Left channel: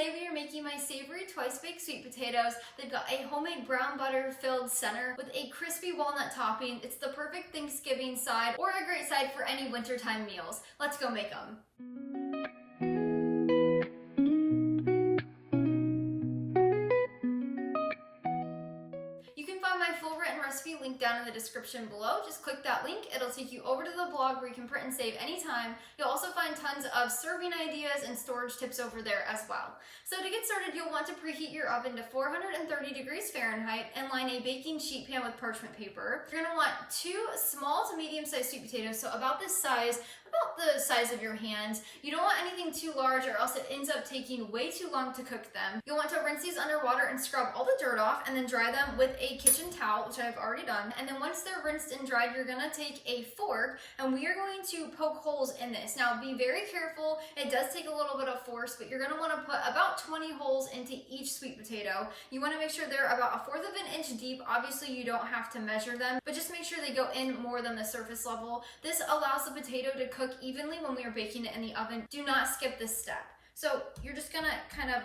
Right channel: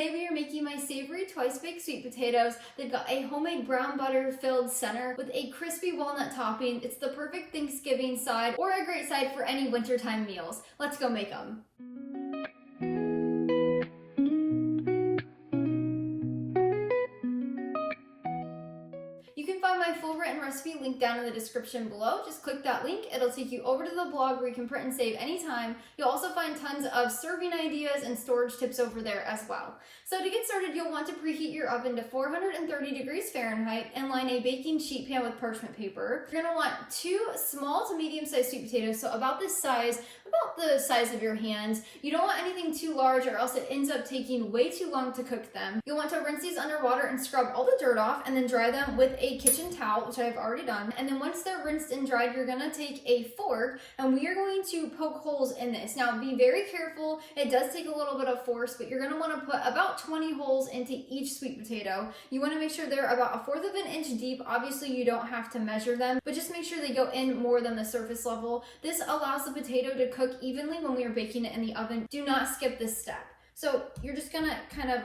today we are making my savory twice-baked sweet potatoes. They've got a homemade brown butter filled center with a crispy walnut topping. It's the perfect Thanksgiving side or a great side for any wintertime meals. Let's go make them. You can find my full written recipe linked down in the description below. Just click that link. It'll take you over to the blog where you can print and save anytime. You'll also find tons of serving ideas and storage tips over there as well. So to get started, you'll want to preheat your oven to 430 degrees Fahrenheit and line a baking sheet pan with parchment paper. You're gonna want 2 small to medium-sized sweet potatoes, so about the size of your hand. You don't want anything too large or else it ends up taking way too long to cook them. You'll want to rinse these under water and scrub all the dirt off and then dry them with a kitchen towel, which I've already done. And then once they're rinsed and dried, you're gonna take a fork and we are going to poke holes in this. Now be very careful. It does take a little bit of force, but you're gonna wanna put about 20 holes into each sweet potato. You wanna make sure they're about 1/4 of an inch deep. Obviously you don't have to measure them, but just make sure they go in more than the surface level. This allows the potato to cook evenly when we are baking it in the oven. Do not skip this step. So you're just gonna kind of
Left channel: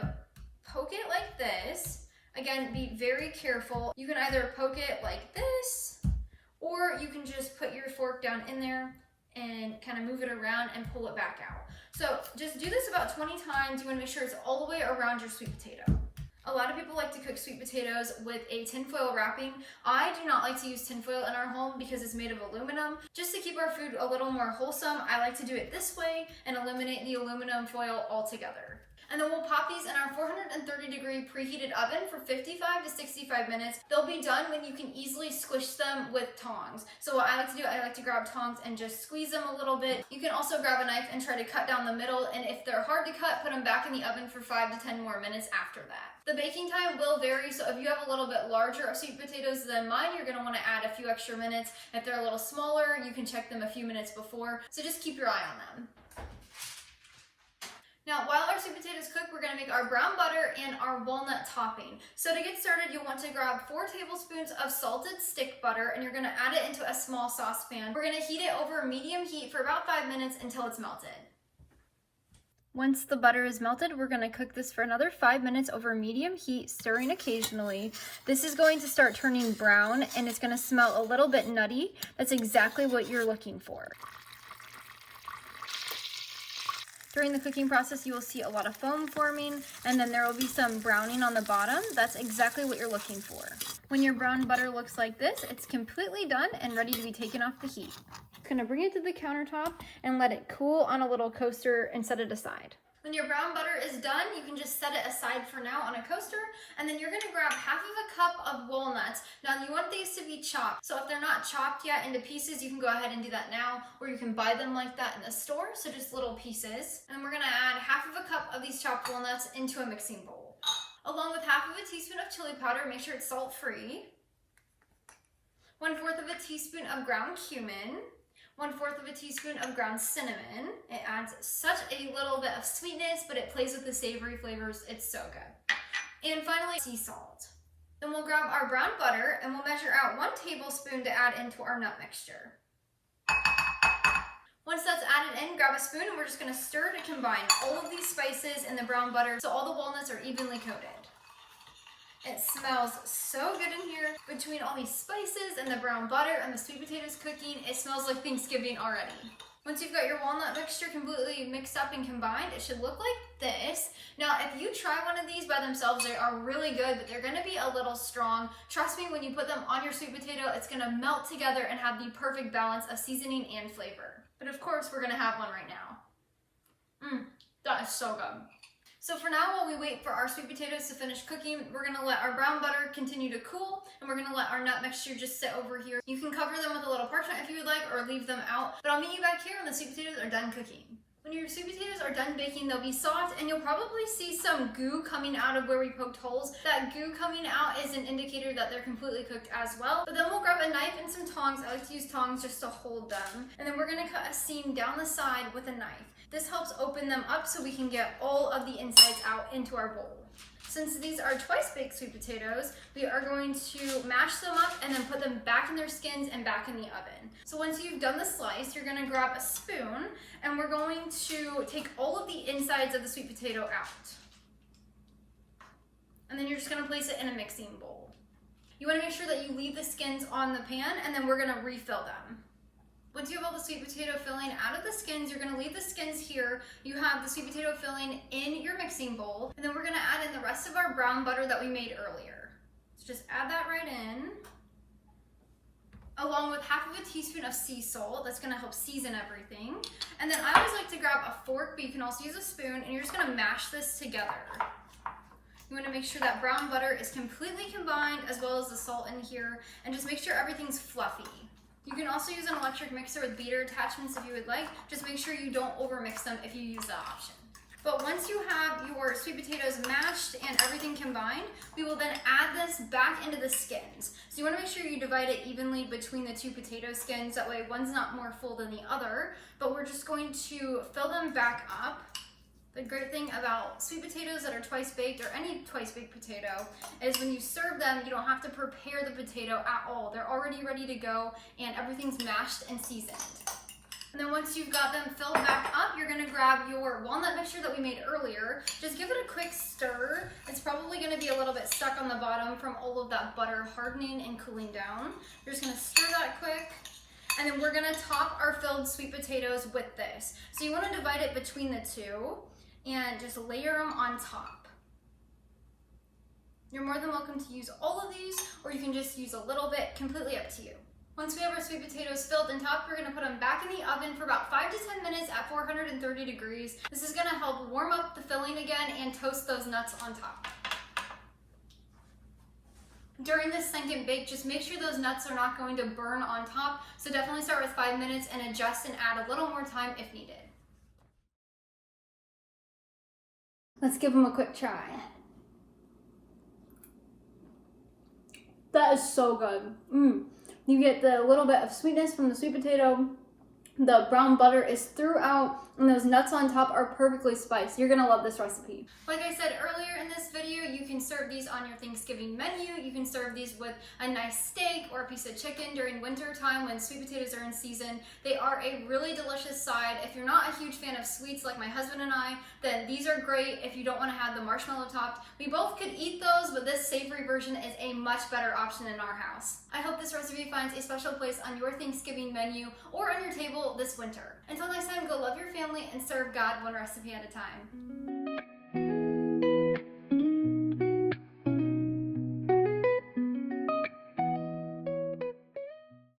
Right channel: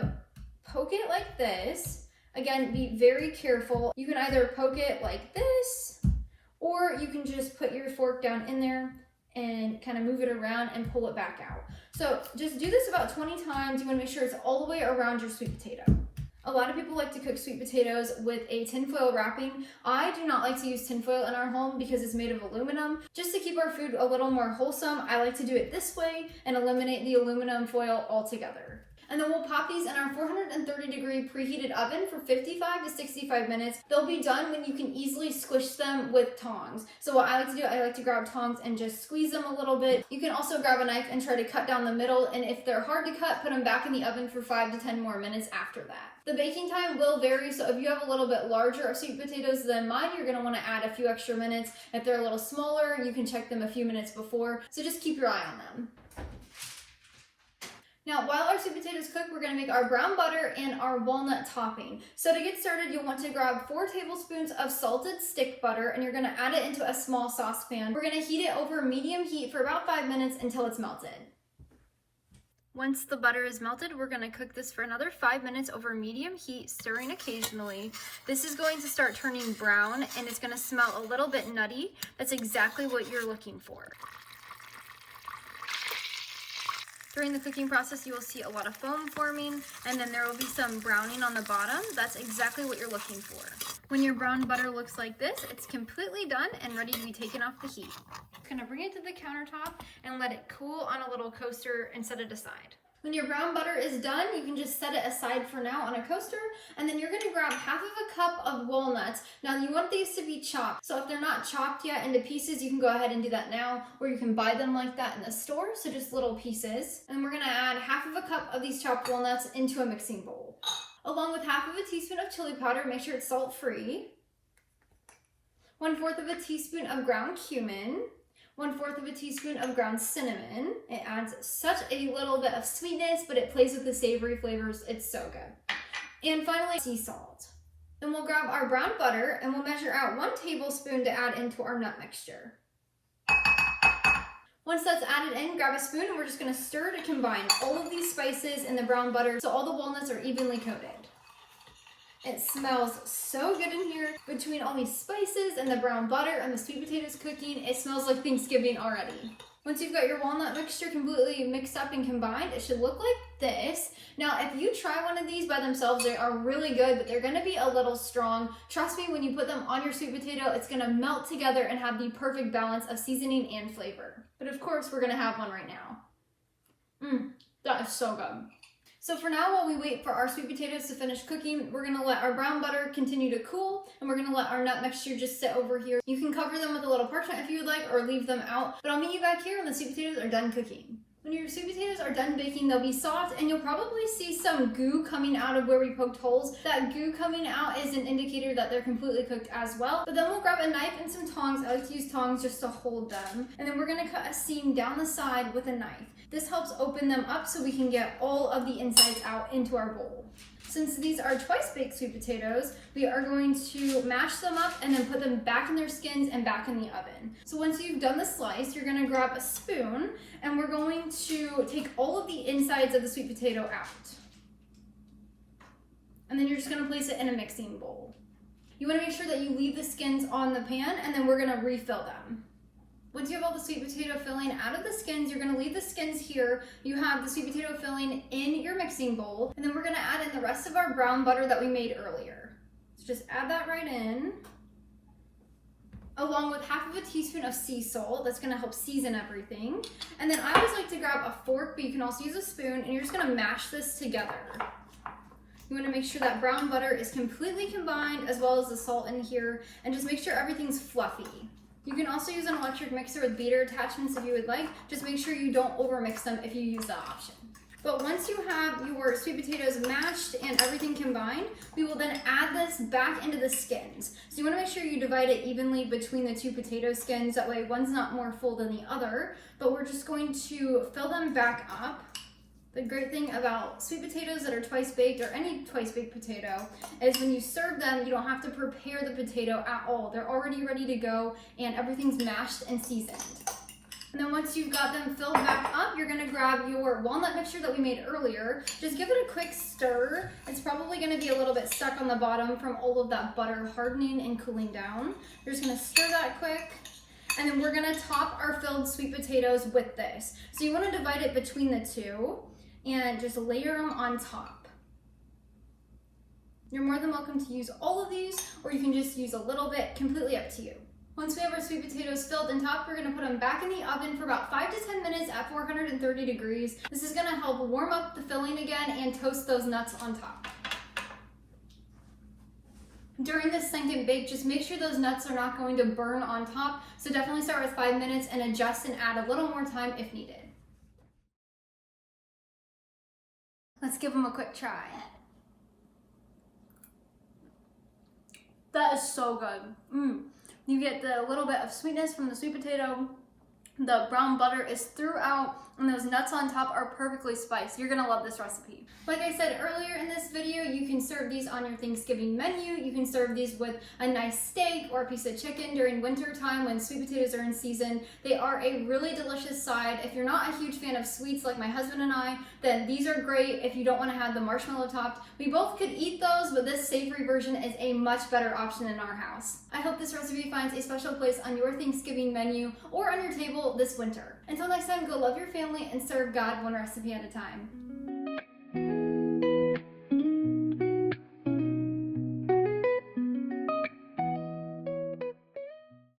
poke it like this. Again, be very careful. You can either poke it like this, or you can just put your fork down in there and kind of move it around and pull it back out. So just do this about 20 times. You want to make sure it's all the way around your sweet potato. A lot of people like to cook sweet potatoes with a tinfoil wrapping. I do not like to use tinfoil in our home because it's made of aluminum. Just to keep our food a little more wholesome, I like to do it this way and eliminate the aluminum foil altogether. And then we'll pop these in our 430 degree preheated oven for 55 to 65 minutes. They'll be done when you can easily squish them with tongs. So what I like to do, I like to grab tongs and just squeeze them a little bit. You can also grab a knife and try to cut down the middle, and if they're hard to cut, put them back in the oven for 5 to 10 more minutes after that. The baking time will vary, so if you have a little bit larger sweet potatoes than mine, you're gonna wanna add a few extra minutes. If they're a little smaller, you can check them a few minutes before, so just keep your eye on them. Now, while our sweet potatoes cook, we're gonna make our brown butter and our walnut topping. So to get started, you'll want to grab 4 tablespoons of salted stick butter and you're gonna add it into a small saucepan. We're gonna heat it over medium heat for about 5 minutes until it's melted. Once the butter is melted, we're gonna cook this for another 5 minutes over medium heat, stirring occasionally. This is going to start turning brown and it's gonna smell a little bit nutty. That's exactly what you're looking for. During the cooking process, you will see a lot of foam forming, and then there will be some browning on the bottom. That's exactly what you're looking for. When your brown butter looks like this, it's completely done and ready to be taken off the heat. I'm gonna bring it to the countertop and let it cool on a little coaster and set it aside. When your brown butter is done, you can just set it aside for now on a coaster, and then you're gonna grab 1/2 cup of walnuts. Now you want these to be chopped, so if they're not chopped yet into pieces, you can go ahead and do that now, or you can buy them like that in the store, so just little pieces. And we're gonna add 1/2 cup of these chopped walnuts into a mixing bowl. Along with 1/2 teaspoon of chili powder, make sure it's salt-free. 1/4 teaspoon of ground cumin. 1/4 teaspoon of ground cinnamon. It adds such a little bit of sweetness, but it plays with the savory flavors. It's so good. And finally, sea salt. Then we'll grab our brown butter and we'll measure out 1 tablespoon to add into our nut mixture. Once that's added in, grab a spoon and we're just gonna stir to combine all of these spices in the brown butter so all the walnuts are evenly coated. It smells so good in here. Between all these spices and the brown butter and the sweet potatoes cooking, it smells like Thanksgiving already. Once you've got your walnut mixture completely mixed up and combined, it should look like this. Now, if you try one of these by themselves, they are really good, but they're gonna be a little strong. Trust me, when you put them on your sweet potato, it's gonna melt together and have the perfect balance of seasoning and flavor. But of course, we're gonna have one right now. That is so good. So for now, while we wait for our sweet potatoes to finish cooking, we're gonna let our brown butter continue to cool, and we're gonna let our nut mixture just sit over here. You can cover them with a little parchment if you would like, or leave them out, but I'll meet you back here when the sweet potatoes are done cooking. When your sweet potatoes are done baking, they'll be soft, and you'll probably see some goo coming out of where we poked holes. That goo coming out is an indicator that they're completely cooked as well. But then we'll grab a knife and some tongs. I like to use tongs just to hold them. And then we're gonna cut a seam down the side with a knife. This helps open them up so we can get all of the insides out into our bowl. Since these are twice-baked sweet potatoes, we are going to mash them up and then put them back in their skins and back in the oven. So once you've done the slice, you're gonna grab a spoon and we're going to take all of the insides of the sweet potato out. And then you're just gonna place it in a mixing bowl. You wanna make sure that you leave the skins on the pan, and then we're gonna refill them. Once you have all the sweet potato filling out of the skins, you're gonna leave the skins here. You have the sweet potato filling in your mixing bowl, and then we're gonna add in the rest of our brown butter that we made earlier. So just add that right in, along with half of a teaspoon of sea salt. That's gonna help season everything. And then I always like to grab a fork, but you can also use a spoon, and you're just gonna mash this together. You wanna make sure that brown butter is completely combined, as well as the salt in here, and just make sure everything's fluffy. You can also use an electric mixer with beater attachments if you would like. Just make sure you don't overmix them if you use that option. But once you have your sweet potatoes mashed and everything combined, we will then add this back into the skins. So you wanna make sure you divide it evenly between the two potato skins. That way one's not more full than the other, but we're just going to fill them back up. The great thing about sweet potatoes that are twice baked, or any twice baked potato, is when you serve them, you don't have to prepare the potato at all. They're already ready to go, and everything's mashed and seasoned. And then once you've got them filled back up, you're gonna grab your walnut mixture that we made earlier. Just give it a quick stir. It's probably gonna be a little bit stuck on the bottom from all of that butter hardening and cooling down. You're just gonna stir that quick. And then we're gonna top our filled sweet potatoes with this. So you wanna divide it between the two and just layer them on top. You're more than welcome to use all of these, or you can just use a little bit, completely up to you. Once we have our sweet potatoes filled and topped, we're gonna put them back in the oven for about 5 to 10 minutes at 430 degrees. This is gonna help warm up the filling again and toast those nuts on top. During this second bake, just make sure those nuts are not going to burn on top, so definitely start with 5 minutes and adjust and add a little more time if needed. Let's give them a quick try. That is so good. You get the little bit of sweetness from the sweet potato. The brown butter is throughout, and those nuts on top are perfectly spiced. You're gonna love this recipe. Like I said earlier in this video, you can serve these on your Thanksgiving menu. You can serve these with a nice steak or a piece of chicken during winter time when sweet potatoes are in season. They are a really delicious side. If you're not a huge fan of sweets like my husband and I, then these are great if you don't want to have the marshmallow topped. We both could eat those, but this savory version is a much better option in our house. I hope this recipe finds a special place on your Thanksgiving menu or on your table this winter. Until next time, go love your family and serve God one recipe at a time.